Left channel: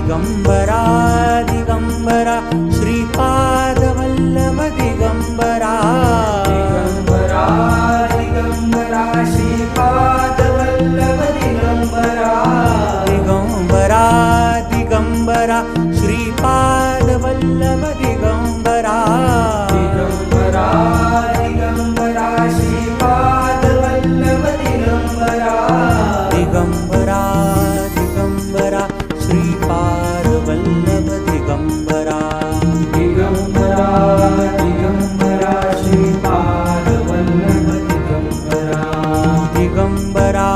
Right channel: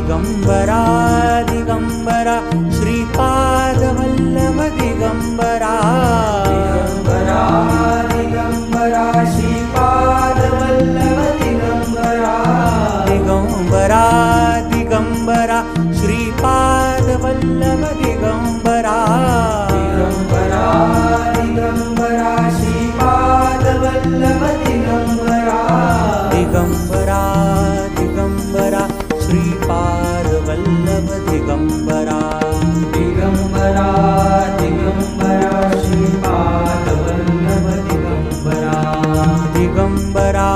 Digambara Digambara Shripad Vallabh Digambara Digambara Shripad Vallabh Digambara Digambara Digambara Shripad Vallabh Digambara Digambara Shripad Vallabh Digambara Digambara Digambara Shripad Vallabh Digambara Digambara Digambara Shripad Vallabh Digambara Digambara